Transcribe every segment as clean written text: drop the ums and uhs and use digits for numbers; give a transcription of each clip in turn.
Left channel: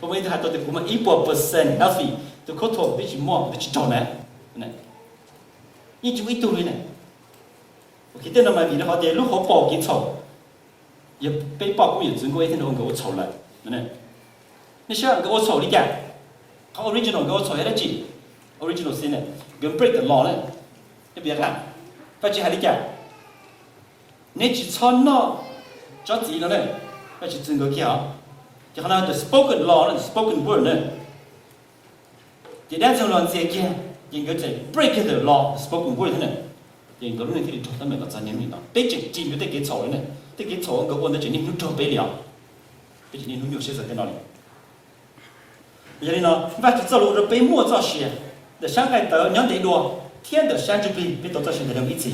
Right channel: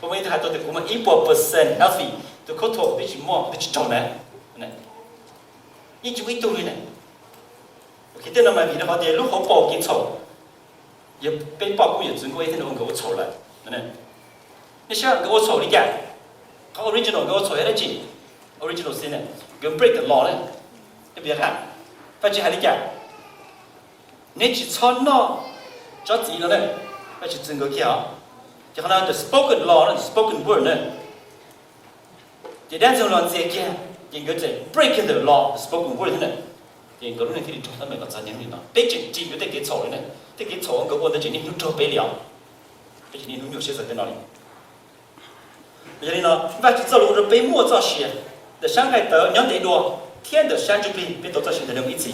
我们还到的我们100% healthy，都口头必须摸，必须找呢，你就会懂的呢。OK， 等到嘛，比如好的，如何包给炒，也被包公也整过一天都给我炒了，你想给我炒的干，他 original 给我炒下来几 ，original 是呢，给 break the law 呢，你别看，发起还得干，你去炒那，找自己了呢，发起整个去啊。就好像 the spoken law 呢 ，spoken word 呢，第两种人之间，应该在 break the law spoken word 呢，应该人可以做到那个3年里了。对这就得给错的呢，得给错个我那今年都做不了，这今年都有些在哪里？这里呢，那就走路是被莫造些，那上海的两代多，天的30倍，被多造些的那位置。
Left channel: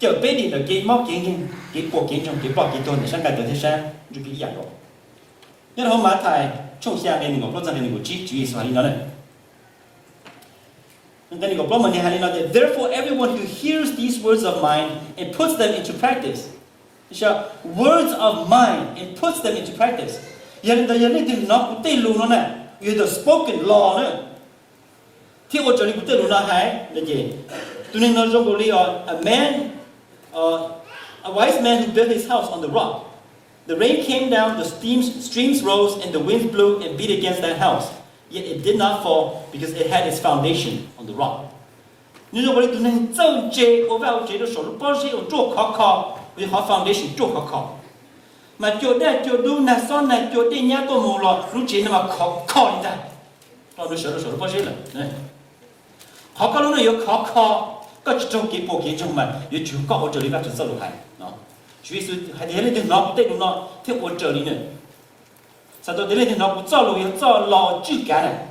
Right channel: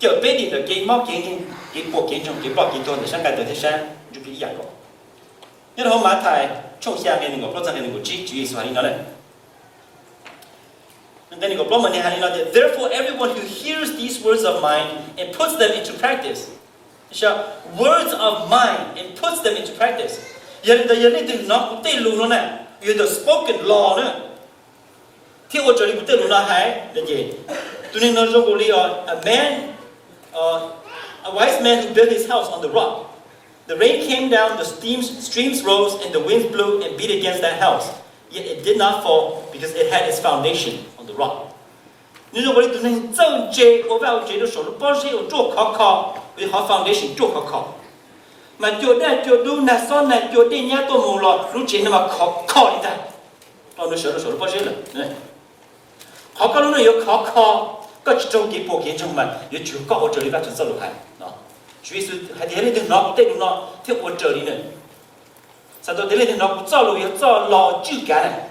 叫北地的给毛给人，给国给中，给包给多的上海的天山就不一样个。然后马太从下面那个国家的那个举说你呢？那那个标门的还有呢 ，Therefore everyone who hears these words of mine and puts them into practice， 你说 words of mine and puts them into practice， 人的那对路了呢，有的 spoken law 呢，听我这里不对路呢还那个，对那个中国里啊 ，a wise man who built his house on the rock。The rain came down, the streams rose, and the wind blew and beat against that house. Yet it did not fall because it had its foundation on the rock. 你说我的能正确，我把我觉得说了，不是有做考，有好 foundation 做考。嘛，就都那上那就对人家都没了，如今那么考你的，到那说了不是了，考了那有考，各种给不给种嘛，有就搞我这里边就走路开啊。所以说，还得那脑对脑听我这里呢，啥到那脑不造路要造老旧干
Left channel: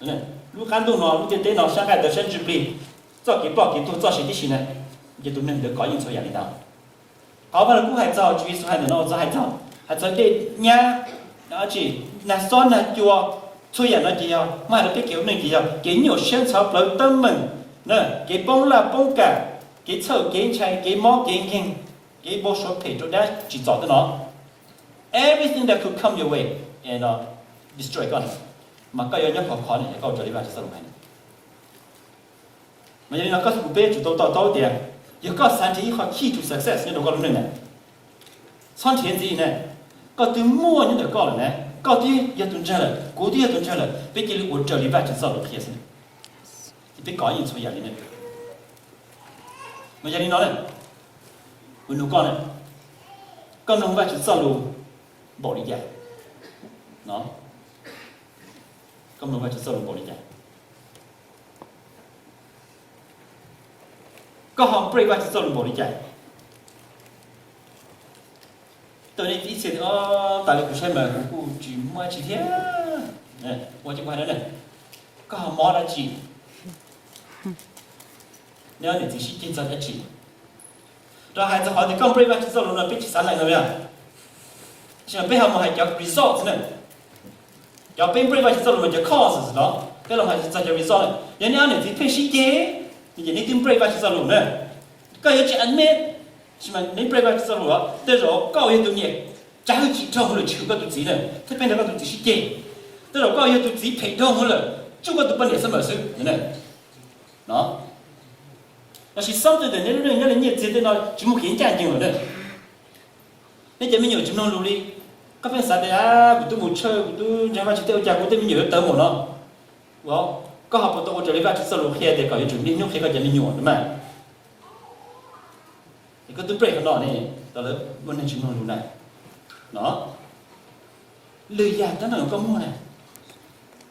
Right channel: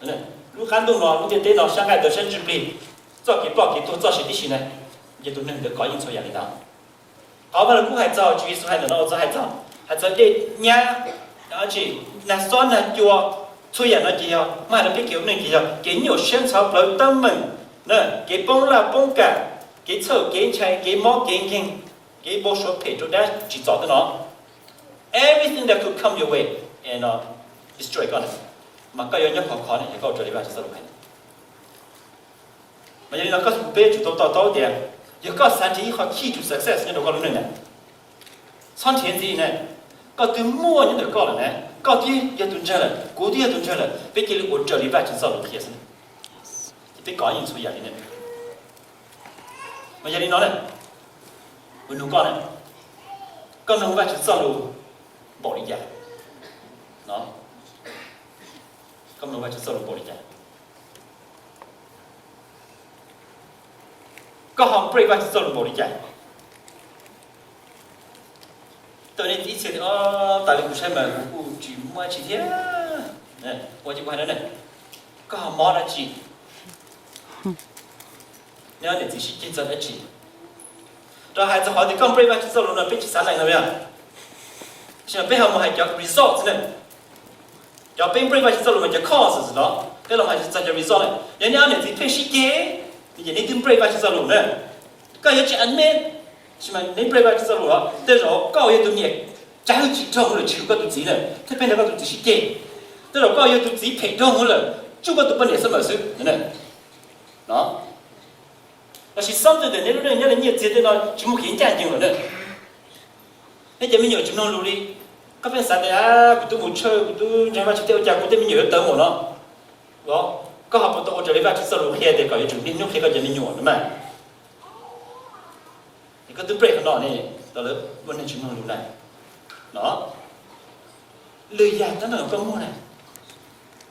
呢，如很多脑，你对脑伤害的甚至被造给包给多造些的些呢，也都能得搞应出压力大。好把了古还造，所以说还能脑子还造这伢，而且那酸呢就出现了就要买了别给我们就要给牛香草不登门，给崩了崩干，给臭给菜给猫给人。给波说配做单去找的呢 ，everything that could come your way and destroy God， 嘛个有人考呢，也搞这里边是怎么办的？嘛有人搞不背就到点，有搞3天以后 key to success， 你都搞了呢？3天之内，搞对末你都搞了呢，搞对也都这了，过对也都这了，别给我这里边就找了贴身，别搞应出压力呢。嘛压力哪呢？我侬讲呢，讲侬话就走路无理解，喏，讲侬话就走路无理解，讲行不话就走路无理解，等你一切大家不出门，我就摸几天，我就话了呢，讲行摸了几，你要你仔细检查一起。这孩子好的刚背完去走路呢，背起3来怎么样？现在背后我们还叫 result 呢，要背完去走路呢叫 cause 是咯，对了嘛就叫 result 呢。人家呢就偏细节，你那天背完去走路呢，刚有几安面，是嘛？你背完去走路了，但是高有多年，假如几趟我们求个都自呢，他变得个都仔细点，但是高有都自己陪同我了，这个都不能什么事，呢，喏。但是相对的，人家觉得呢，就没很讲究了呢。那前面有这么努力，这边啥的啊，我都没吃，我都人家去对我讲，我对面有等我了，我刚好不到我这里边去走路，黑的搞一种，你用黑个前面用的嘛，你个都 break 到呢，到了我能去弄路来，喏，累呀，真的有个么呢？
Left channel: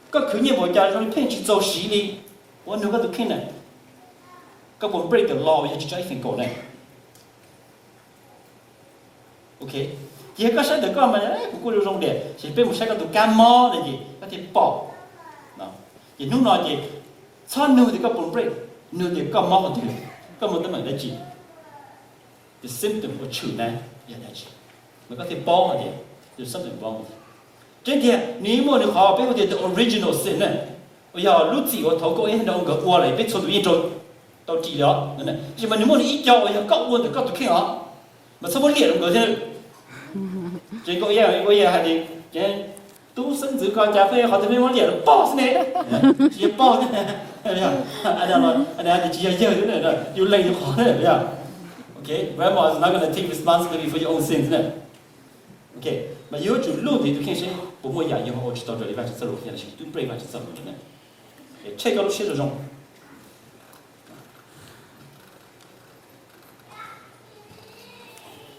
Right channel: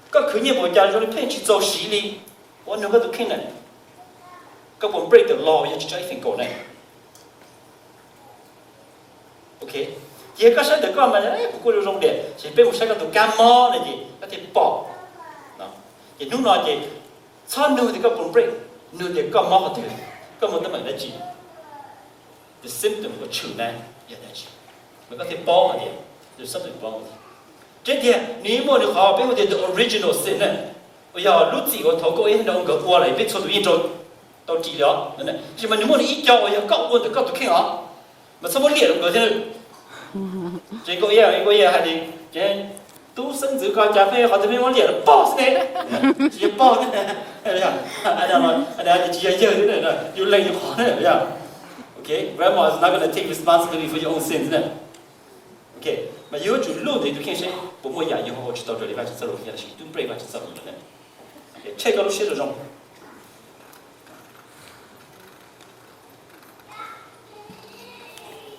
个去年我家说你偏去做事哩，我那个都看呢。ก็ผม break the law ยังจะใช้สิ่งก่อนเลยโอเคเกี่ยวกับใช้เด็กก็มาเนี่ยผมก็รู้ตรงเดียสิเป็นผมใช้กับตัวการมอเลยจีก็ที่ปอกนะอย่างนู้นนอนจีซ้อนนู้นที่ก็ผม break นู้นเด็กก็มอกันทีก็มันต้องเหมือนได้จี the symptom ก็ชื่อนะอย่างได้จีมันก็ที่ปอกกันที the symptom ปอก这点你莫你好，别我的 original sin 呢，我要录制我透过一种个我来别错读一种。到治疗，对不对？是嘛？你莫你一教我要搞我，就搞都看啊，嘛什么练了个天，这个月还得这都甚至搞咖啡好这边往脸上爆是呢，直接爆呢，哎呀，哎呀，哎呀，你直接就那又累又好的，呀。Okay, grandma is not going to take responsibility for your own sins, isn't it? Okay, 那有就路的就看谁，我们也以后我去到这里边去走路，现在是都不里边去走路的呢。这个路写的中。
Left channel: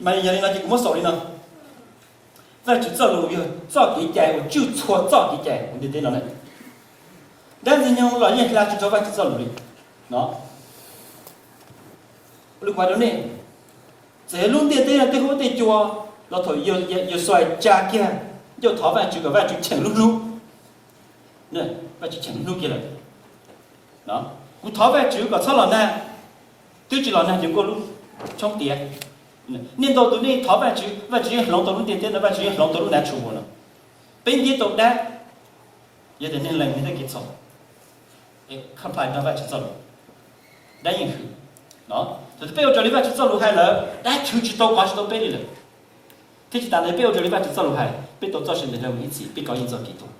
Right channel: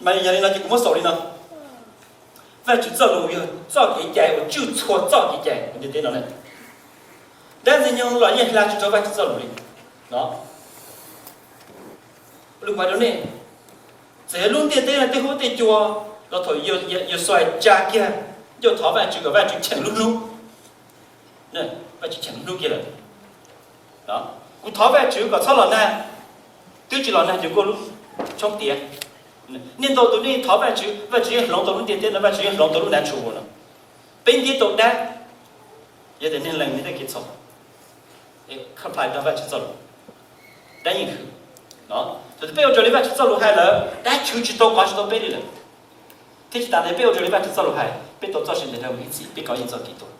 mà giờ này thì cũng có sổ đi nào và chỉ cho lùi cho cái cái của chịu cho cái như thế nào này đang gì nhau loại như là cho vai chỉ cho lùi đó lúc mà đó này sẽ luôn tiền tiền là tiền hỗ tiền chùa nó thôi yêu xoay cha kia yêu tháo vai chỉ chẳng lúc nè vai chỉ chẳng lúc kia rồi đó cũng tháo vai chỉ có sao là nè tiêu chỉ là nè chỉ có lúc trong tiền nên đầu này tháo vai chỉ lòng đầu tiền tiền là vai chỉ lòng đầu nè chủ rồi bên đi đầu đá giờ để nên làm như thế cái xong không phải đâu vai chỉ xong đã nhìn thử đó rồi bây giờ vai chỉ xong hay là đã chịu chỉ đâu quá chỉ đâu bên đi rồi thế chỉ tạm thời bây giờ vai chỉ xong hay bên đầu cho sinh để làm cái gì bên có yên cho kỹ thuật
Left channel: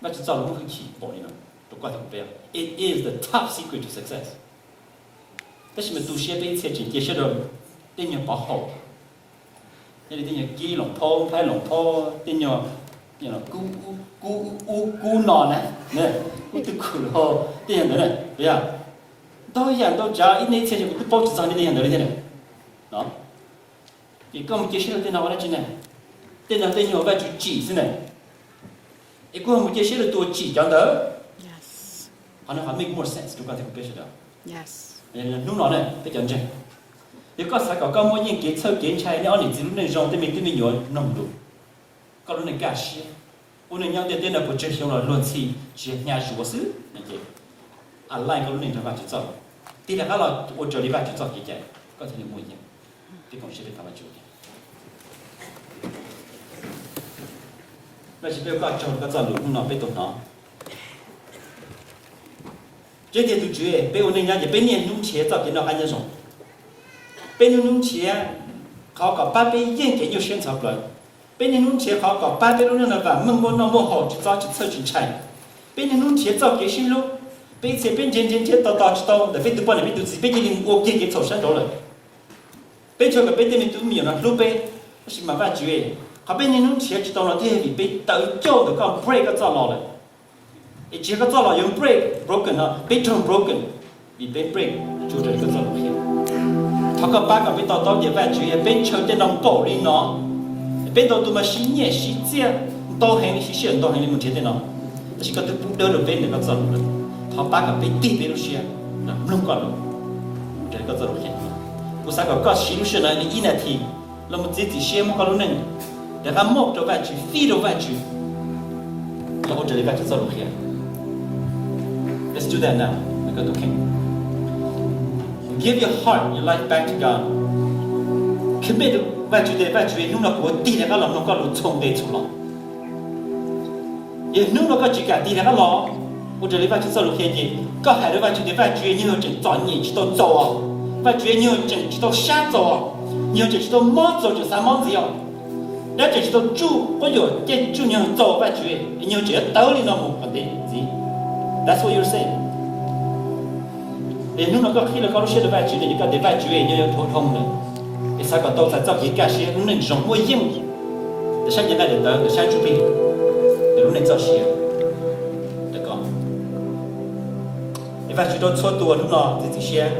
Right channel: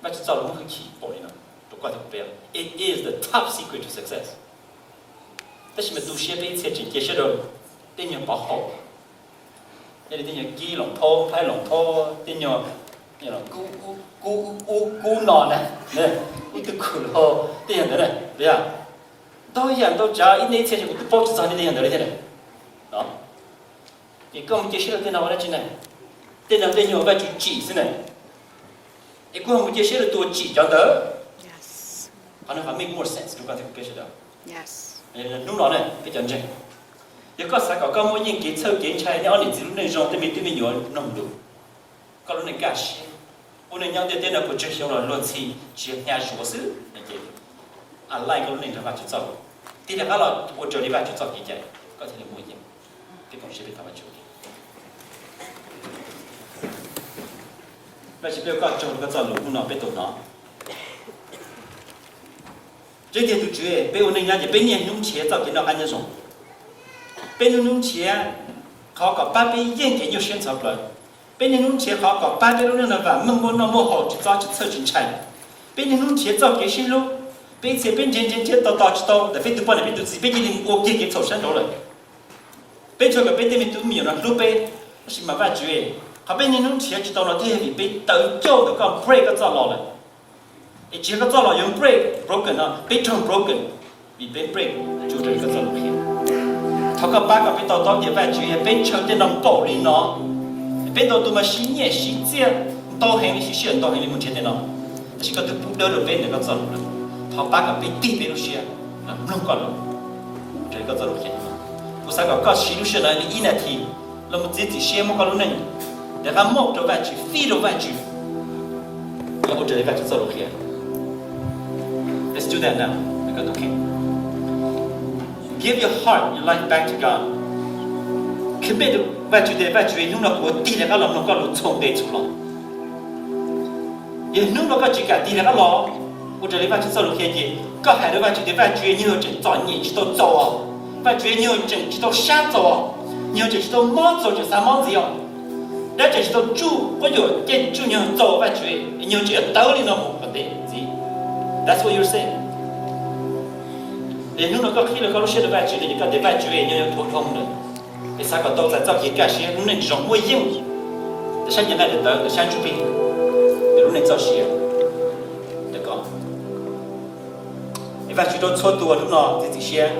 vai chỉ xong không khí bỏ đi nữa đâu có thể bây it is the top secret to success但是我们读写被写进解释了电影保护，那里电影机龙头拍龙头，电影孤脑呢，呢，孤独苦了，电影的呢，对呀，都一样都只要一年前就报纸上的电影的了，现在，啊，你跟我们解释了电脑完了进来，电脑电影外就几是呢，一个我们解释了多几讲的 Yes. 可能还 make more sense，就刚才我解释的。Yes. 弄了呢，非常正。有个啥搞某人给抽给菜，你按你自己那种对面对面有弄路，搞了那干事，我那娘的电脑不执行了，乱起只伢说是那个，啊来搞那地方去找，第二个了我这里边去找几件，刚才你没见，这公司的他们就。那是不要搞这个找路，我那别动啊。这点都绝，被我那样子，被年农钱找给那安那种，被年农钱好搞八百元给有宣传不了，被年农钱好搞800多人的饭，门口那么好就早就凑进菜，被年农钱找给新路，被这边渐到知道，那边都把那边都自己被你我给凑上头了，被这个被那边都没有了，路被是麻烦绝，还被年农钱知道了，这里被抖叫的搞 break 个找老了。这个造了用 broken 啊，被成 broken， 比被 break 就是一个造路片。他个八个被到点外去，被成的那暴力呢，被到多么细腻细节，到很细细到很里面接的呢，但是个都不得了被那个造路了。他八个被地被路些，那弄过了，这个造路片。我三个搞西路些呢，你一年天，那么自己些么搞路呢？但他摸着外去，飞着外去，然后这里外去造路片。Let's do that now. Okay. Give your heart, your life back to God. Commit to you用了我地那个老弄个路从对出了，也弄了个几个地那个老，我这里把去走路偏的，个海的把去的把去你要真早年去到走啊，把去你要真去到山走啊，你要真去到毛走就三毛子呀，那真去到猪我就跟猪娘走把去，你要这道理那么不对。That's what you're saying. 连弄个黑了搞些的外局的，你搞的外局你要头痛的，你啥个都在找些干些，弄那种没用的，这山间来的等，这山区边，你弄那找些，这个，你外局都错多了呢，这些，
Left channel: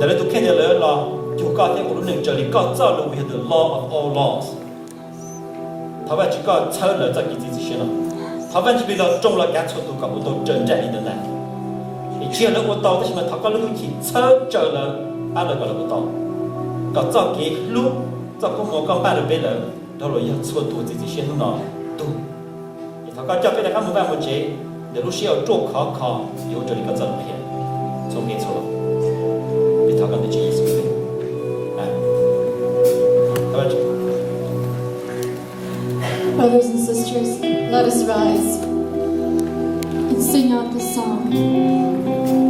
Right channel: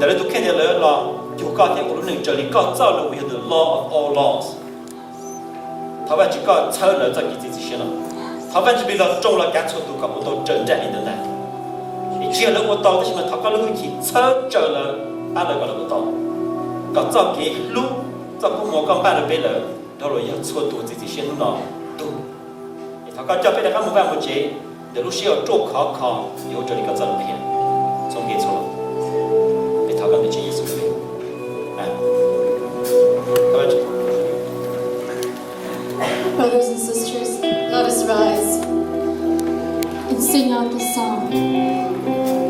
但是都看见了，就搞点我们这里搞早了，我们的 law of all laws， 他外局搞错了，这这些了。他反正比较中了，干错都搞不到真正的来。你缺了我到的什么？他搞了回去，操着了，俺那搞了不到。搞早给路，早个我刚办了别了，到了要错多自己先弄了多。他搞叫别人他没办法接，那路是要做考，有这里个照片，从给错了，被他搞的建议是对，哎，好吧。Brothers and sisters, let us rise and sing out this song,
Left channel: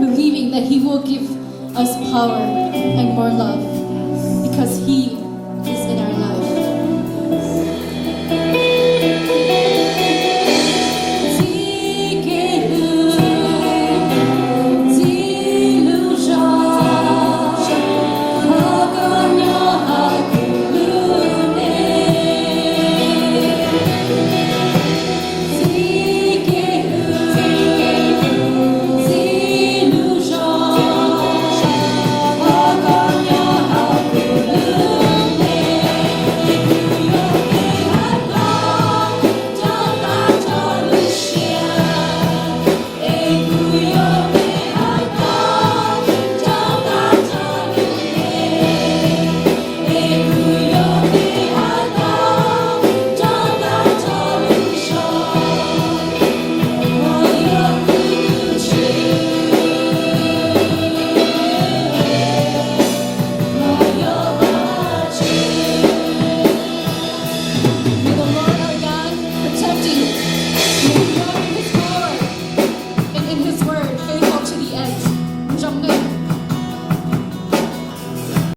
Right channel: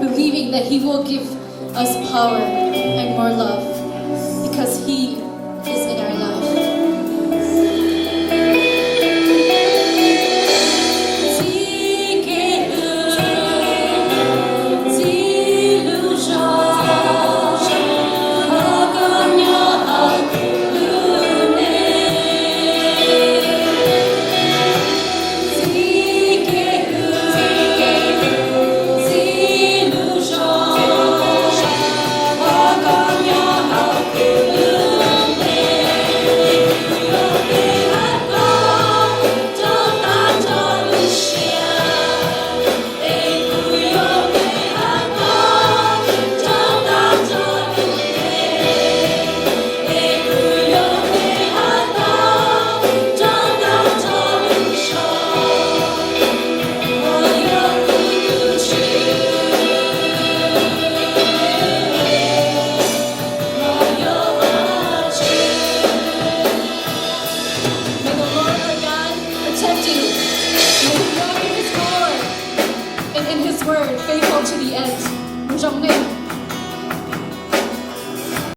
believing that He will give us power and more love, because He is in our life. in His word, faithful to the end.